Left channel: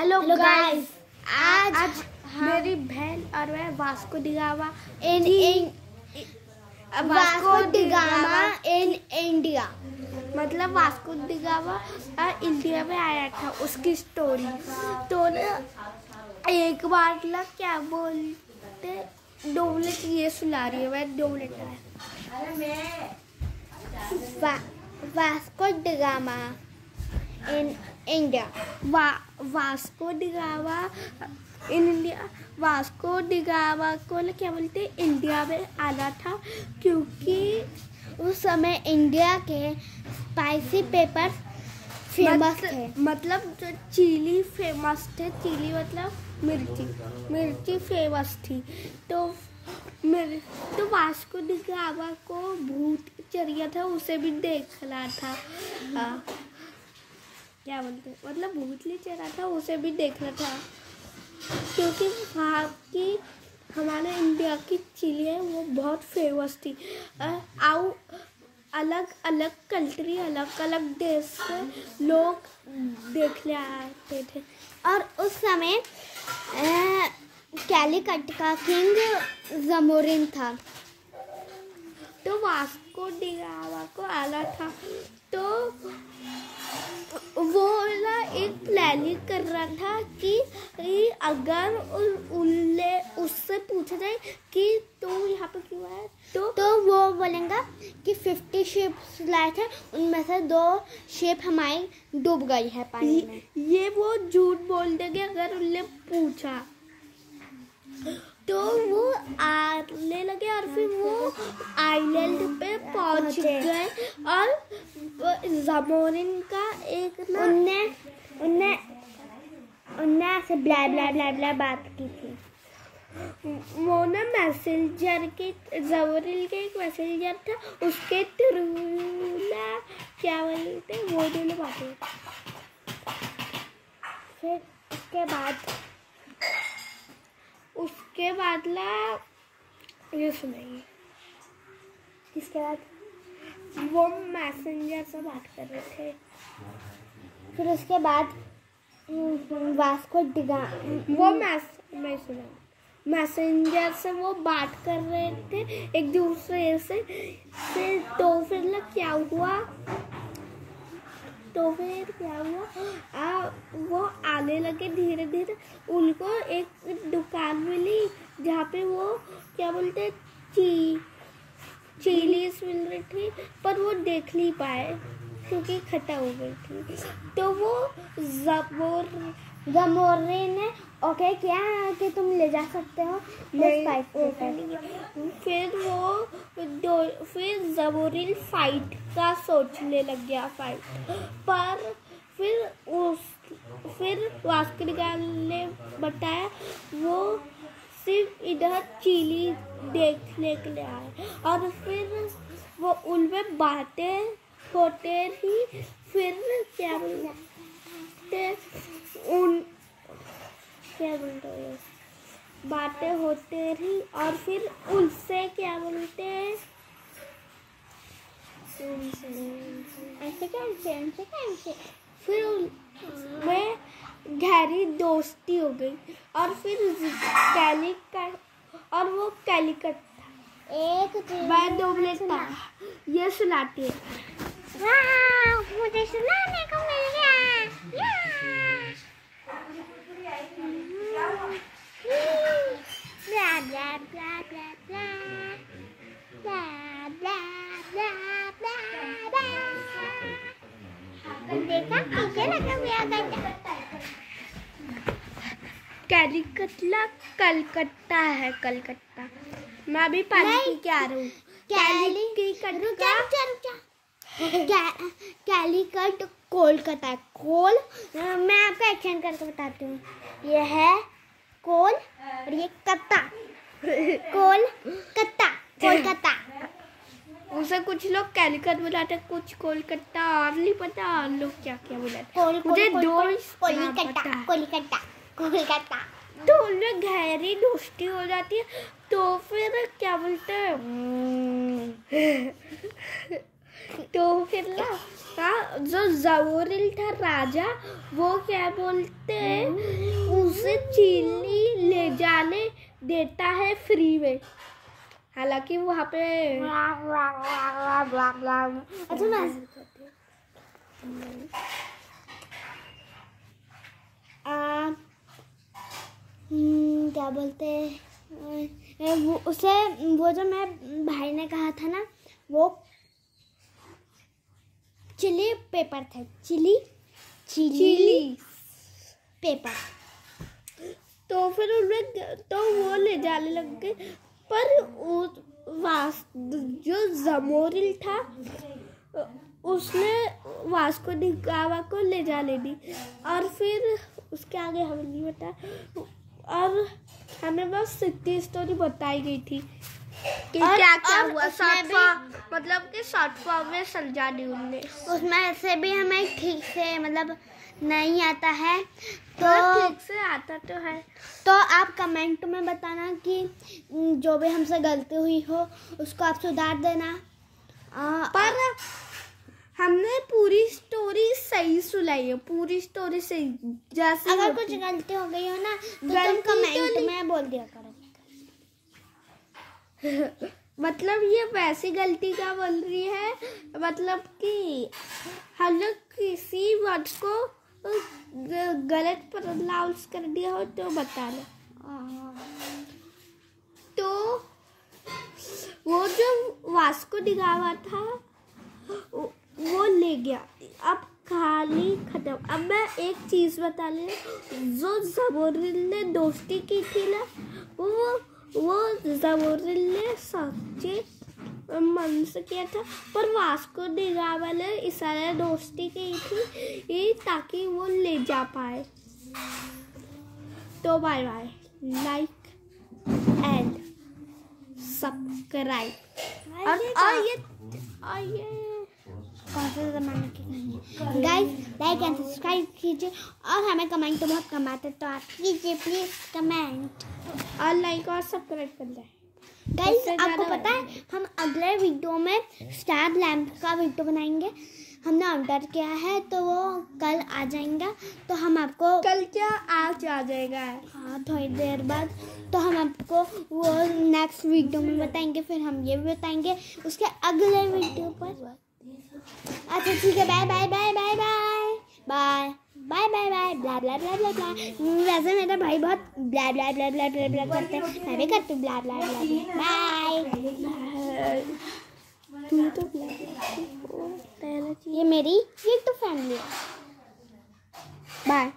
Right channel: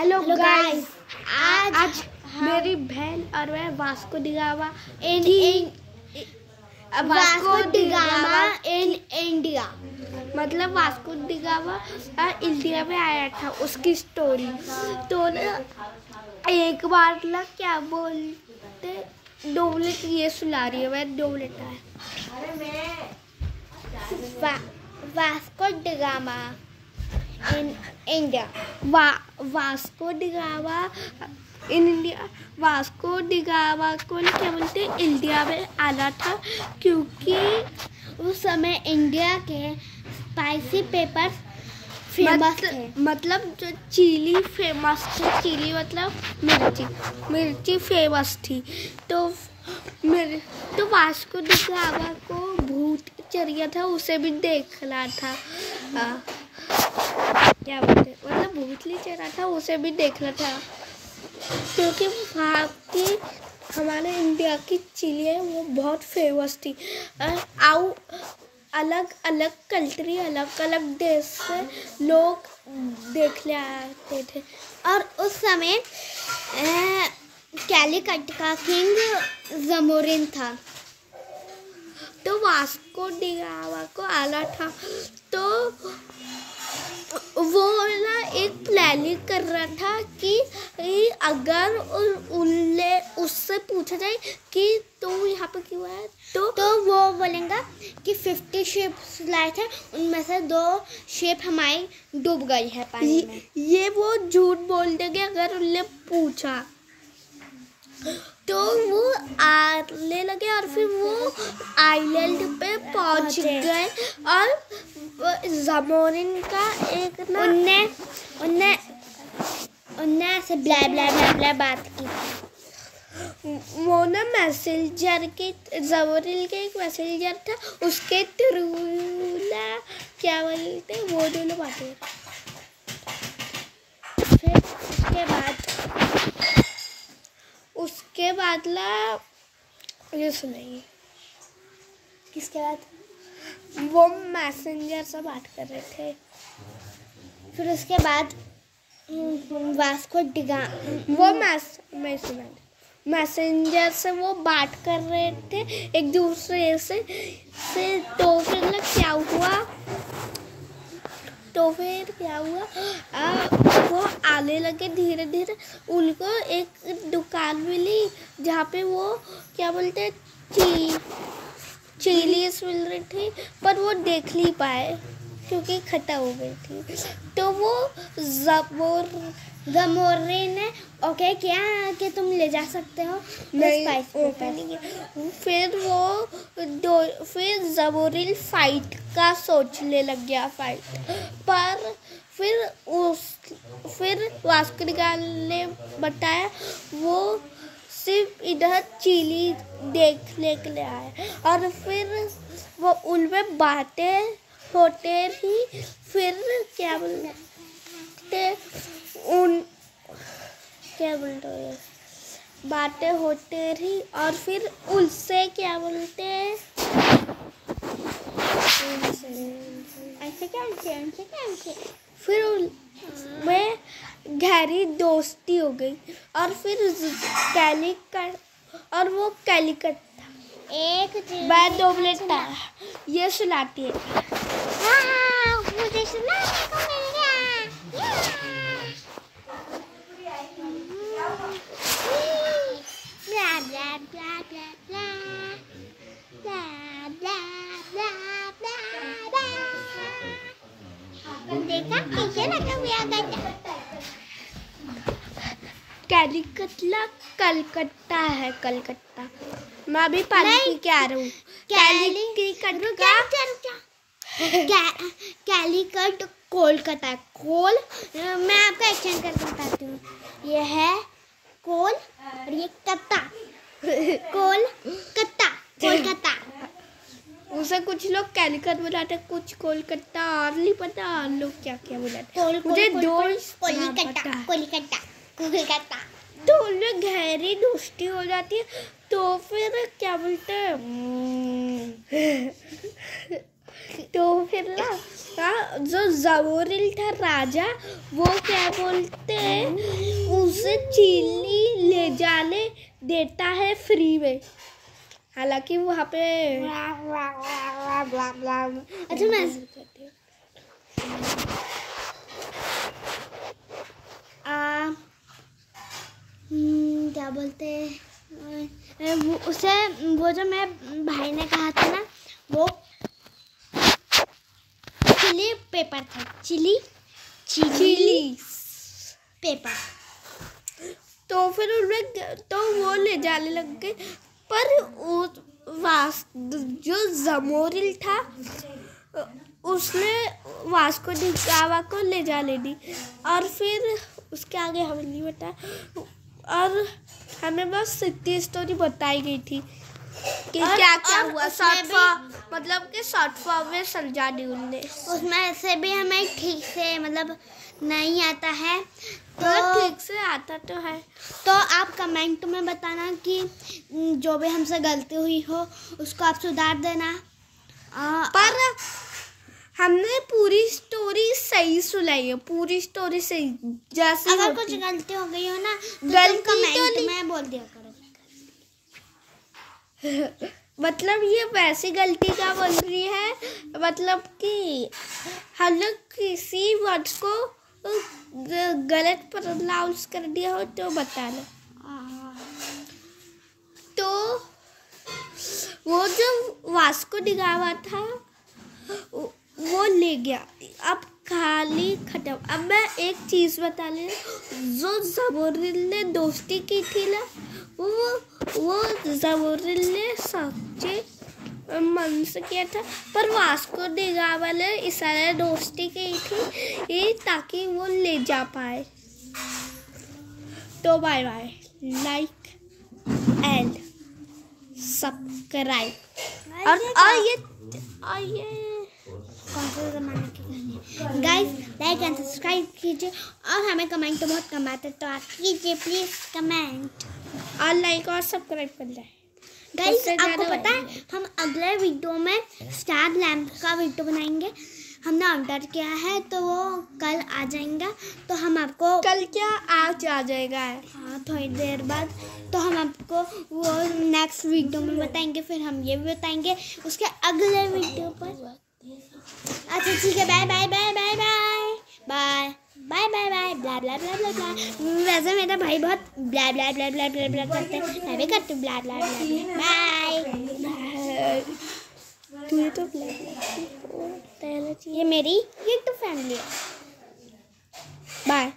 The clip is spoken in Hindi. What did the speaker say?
हेलो गाइस, आज मेरी बहन और मैं वास्को डिगामा इन इंडिया, मतलब वास्को डिगामा इंडिया में आया था, उसकी स्टोरी। तो ना एक बार ना क्या बोलते, 2 मिनट ये सुना रही है, मैं 2 minute Vasco da Gama in India. Vasco da Gama in India. Vasco da Gama को क्या बोलते, इंडिया में आना था क्योंकि उस समय इंडिया के स्पाइसी पेपर फेमस थे। मतलब जो चिली फेमस थे, चिली मतलब मिर्ची फेमस थी। तो वास्को डिगामा को भूत चढ़ था, उसे भी देखना था। क्या बोलते, मतलब भूतली चढ़ा था, उसे भी देखना था क्योंकि वहाँ की हमारे इंडिया की चिली है, वो बहुत फेमस थी। अलग अलग कंट्री, अलग अलग देश से लोग देखने आते थे। और उस समय कैलीकट का किंग जमोरिन था। तो वास्को डिगामा को आना था, तो वो ना एक प्लानिंग कर रहा था कि अगर उससे पूछा जाए कि तो यहाँ पे क्यों आया, तो वो बोलेगा कि 50 शिप्स लाए थे, उनमें से 2 शिप हमारी डूब गई है पानी में। ये वो झूठ बोल देंगे अगर उनने पूछा। तो वो आने लगे और फिर वो आइलैंड पे पहुंच गए और जमोरिन का एक ना उनने ऐसे ब्ला ब्ला ब्ला ब्ला बात की थी। वो ना मैसेंजर के, जमोरिन के एक मैसेंजर था, उसके थ्रू ना क्या बोलते, वो दोनों बातें। फिर उसके बाद ला ये सुनिए। किसके बाद वो मैसेंजर से बात कर रहे थे। फिर उसके बाद वास्को डिगामा वो मैसेंजर से वो बात कर रहे थे एक दूसरे से। तो फिर क्या हुआ, वो आने लगे धीरे धीरे। उनको एक दुकान मिली जहाँ पे वो क्या बोलते चिलीज मिल रही थी, पर वो देख नहीं पाए क्योंकि खत्म हो गई थी। तो वो जमोरिन ने ओके किया कि तुम ले जा सकते हो, फिर जमोरिन फाइट का सोचने लग गया, पर फिर वास्को डिगामा ने बताया वो सिर्फ इधर चिली देखने के लिए आए। और फिर वो उनमें बातें होते ही, फिर क्या बोलते बातें होते रही। और फिर उनसे क्या बोलते हैं, फिर उनमें गहरी दोस्ती हो गई। और फिर कैलीकट था। मैं 2 मिनट था, ये सुनाती है। मुझे सुनाने को मिल गया। ब्ला blah blah blah blah blah blah blah ब्ला। देखा कैसे लगा हुआ गाना। कैलीकटला कलकत्ता है, कलकत्ता। मैं अभी पानी क्या आ रहा हूँ। कैलीकट कोलकाता है। मैं आपको एक्सचेंज करके बताती हूँ। ये है कोल और ये कत्ता। कोलकाता। उसे कुछ लोग कैलीकट बुलाते, कुछ कोलकाता, और नहीं पता और लोग क्या क्या बुलाते। मुझे कोलकाता। तो उनमें गहरी दोस्ती हो जाती है। तो फिर क्या बोलते हैं, तो फिर ना जो ज़मोरिल था राजा, वो क्या बोलते हैं, उसे चीली ले जाने देता है फ्री में। हालांकि वहाँ पे अच्छा मैं क्या बोलते हैं वो उसे, वो जो मैं भाई ने कहा था ना, वो चिली पेपर था, चिली पेपर। तो फिर उन्हें तो वो ले जाने लग गए, पर जो ज़मोरिल था उसने वास्को डी गामा को ले जाने दी, और फिर उसके आगे हमें नहीं बता, और हमें बस इतनी स्टोरी बताई गई थी कि क्या क्या हुआ। मतलब कि शॉर्ट फॉर्म में समझा दी उनने। उसमें से भी हमें ठीक से मतलब नहीं आता है, तो ठीक से आता तो है। तो आप कमेंट में बताना कि जो भी हमसे गलती हुई हो उसको आप सुधार देना। पर हमने पूरी स्टोरी सही सुनाई है, पूरी स्टोरी सही। जैसे अगर कुछ गलती हो गई हो ना, तो कमेंट में बोल दिया करो। मतलब ये वैसी गलती क्या बोल रही है, मतलब कि हम लोग किसी वर्ड को गलत प्रोनाउंस कर दिया हो तो बता लो। तो वो जो वास्को डी गामा था वो ले गया, अब कहानी खत्म। अब मैं एक चीज़ बता ले, जो ज़मोरिल ने दोस्ती की थी ना, वो ज़मोरिल ने सच्चे मन से किया था, पर वास्को डी गामा ने इशारे दोस्ती की थी ताकि वो ले जा पाए। तो bye bye, like and subscribe. और ये कौन से ज़माने की कहानी है गाइस, लाइक एंड सब्सक्राइब कीजिए, और हमें कमेंट तो बहुत कम आते, तो आप कीजिए प्लीज़ कमेंट और लाइक और सब्सक्राइब कर दें गाइस। आपको पता है हम अगले वीडियो में स्टार लैंप का वीडियो बनाएंगे, हमने ऑर्डर किया है, तो वो कल आ जाएगा। तो हम आपको कल क्या आज आ जाएगा, हाँ थोड़ी देर बाद। तो हम आपको वो नेक्स्ट वीडियो में बताएंगे, फिर हम ये भी बताएंगे उसके अगले वीडियो पर। अच्छा ठीक है, bye bye bye bye bye bye bye bye bye blah blah blah blah blah. वैसे मेरा भाई बहुत ब्ला ब्ला ब्ला ब्ला ब्ला ब्ला करते हैं, मैं भी करती हूँ ब्ला ब्ला ब्ला ब्ला। बाय। तू तो ब्ला पहले ये मेरी यूट्यूब फैमिली है। बाय।